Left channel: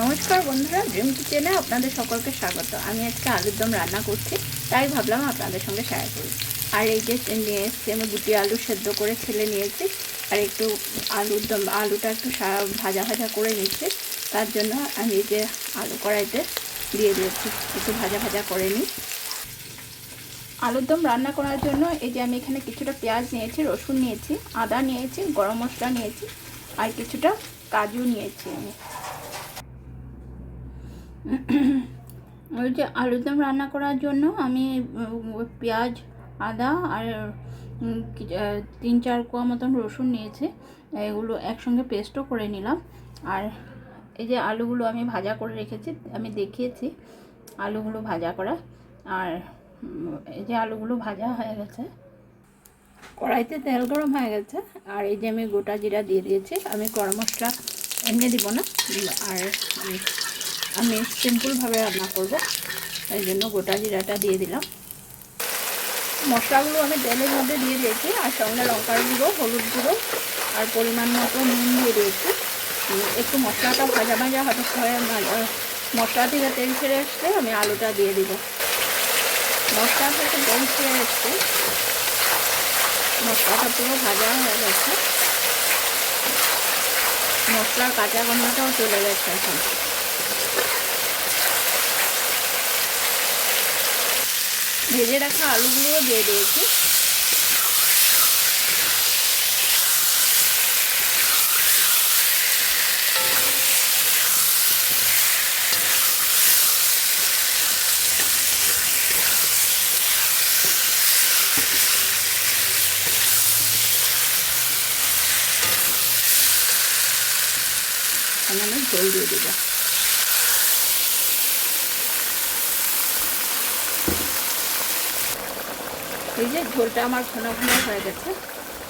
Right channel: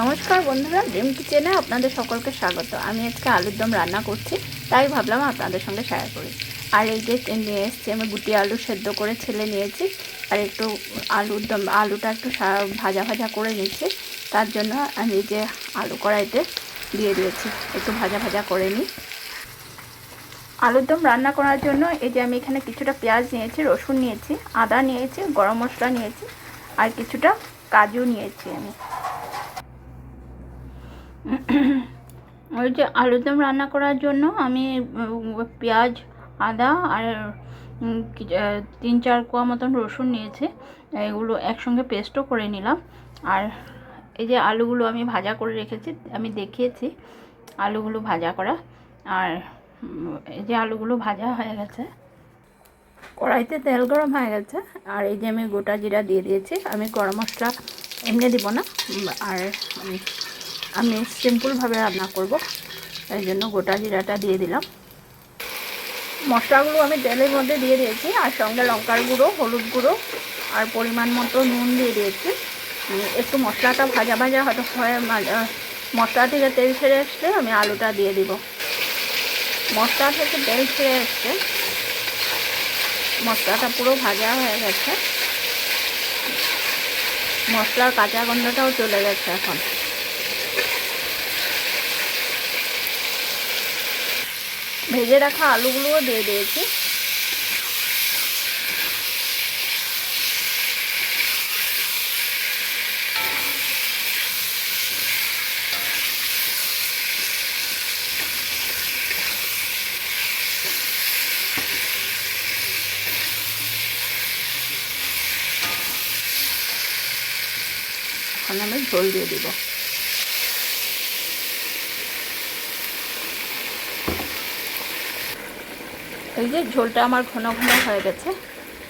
নমস্কার বন্ধুরা, ড্রিম কিচেনে আপনাদের সকলকে স্বাগত। আমি আজকে আলুর দম রান্না করছি, তাই ভাবলাম আপনাদের সঙ্গে শেয়ার করি। আর এই যে নিয়ে এসেছি আমি গুটি আলু সেদ্ধ করে ছেলে নিয়েছি, আর একটু আলুটা একটু ভাজা ভাজা করে নিচ্ছি। তার জন্য আমি এই যে আলু কড়াইতে দিয়ে দিয়েছি, একটু ভাজা ভাজা করে নিই। আলুর দম রান্না করার জন্য এই যে আমি এখানে কিছুটা পেঁয়াজ নিয়েছি, রসুন নিয়েছি, আদা নিয়েছি, গরম মশলা নিয়েছি, আর কিছুটা কাজু নিয়েছি। আমি ওই যে আলুর দম রান্না করার জন্য আমি পেঁয়াজ, আদা আর 3-4 কোয়া মতন রসুন নিয়েছি। এগুলো একসঙ্গে পেস্টও করে নিলাম। আর এই যে আলুগুলো আমি ভাজা করে রেখেছি, আমি দেখিয়েছি আলুগুলো ভাজা করা। আর এই যে আলুগুলো ভাজা হয়ে গেছে, কড়াইতে তেল গরম হয়ে গেছে। আর এই যে আমি গোটা জিরা দিয়ে দিয়েছি। আমি গরম মশলা এমনি দিব না, আর আমি সিম্পলভাবে রান্না করব, এই জন্য গোটা জিরাটা দিয়ে দিলাম। মশলাগুলো আমি তেলের মধ্যে দিয়ে দিয়েছি, আর সঙ্গে লঙ্কার গুঁড়ো, হলুদ গুঁড়ো আর পরিমাণ মতো নুন দিয়ে দিয়েছি। একটু মশলাটা ভাজা ভাজা হয়ে মশলা থেকে তেল ছেড়ে আসলে আমি আলুটা দিয়ে দিব। মশলা থেকে তেল ছেড়ে আসছে, মশলাটা পুরো ভাজা হয়ে গেছে, মশলার কাঁচা গন্ধটাও চলে গেছে। এখন ভেজে রাখা আলুগুলোও দিয়ে দিয়েছি। এখন আমি ঝোল দিয়ে দিব। এই যে ঝোলটা আমার ঘন ঘন হয়ে গেছে।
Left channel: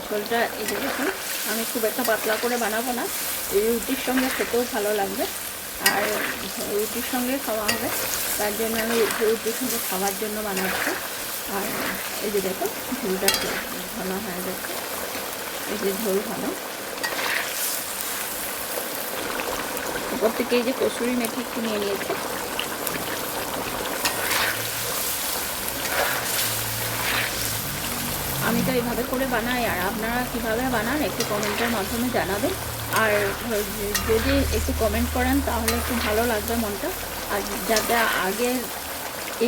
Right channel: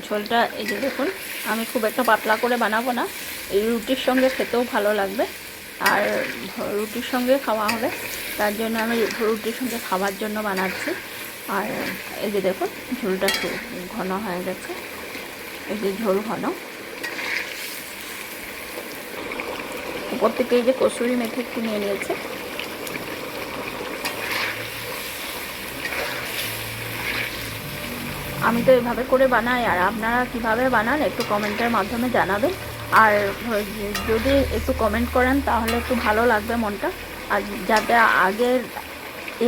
ঝোলটা এই যে দেখুন, আমি খুব একটা পাতলা করে বানাবো না, এই রুটির সঙ্গে খেতেও ভালো লাগবে, আর রুটির সঙ্গে খাওয়া হবে, তার জন্য আমি রুটির সঙ্গে খাওয়ার জন্য বানাচ্ছি। আর এই যে দেখুন ঝোলটা ঘন হয়ে গেছে, এই যে ঝোল ঘন। উপর থেকে এই যে কসুরি মেথি একটু নিয়ে নিয়েছে। আমি তো এইভাবে করে বানাই, আর আপনারা কীভাবে বানান একটু কমেন্টের মাধ্যমে জানাবেন। আর যদি একটু কমেন্ট করেন তাহলে একটু ভালো লাগবে মনটা, আর যাতে আগে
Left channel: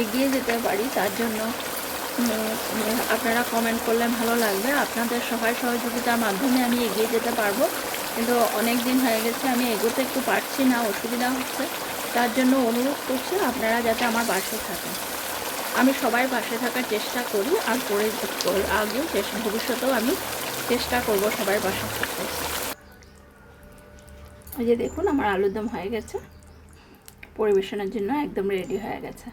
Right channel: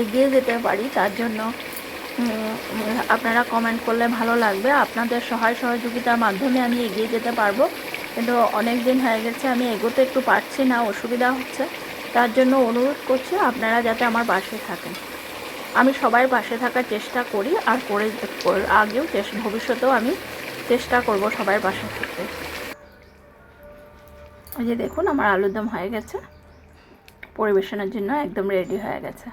এগিয়ে যেতে পারি তার জন্য আপনারা কমেন্ট করলে ভালো লাগবে। আপনাদের সহায় সহযোগিতার মাধ্যমে আমি এগিয়ে যেতে পারবো, কিন্তু অনেক দিন হয়ে গেছে আমি এগোতে একটু পারছি না, অসুবিধা হচ্ছে। তার জন্য অনুরোধ করছি আপনারা যাতে আমার পাশে থাকেন। আমি সবার পাশে থাকার চেষ্টা করি, আর আগেও ভবিষ্যতেও আমি চেষ্টা করব সবার পাশে থাকতে। এই যে দেখুন আমার আলুর দম হয়ে গেছে, পরিবেশনের জন্য একদম রেডি হয়ে গেছে।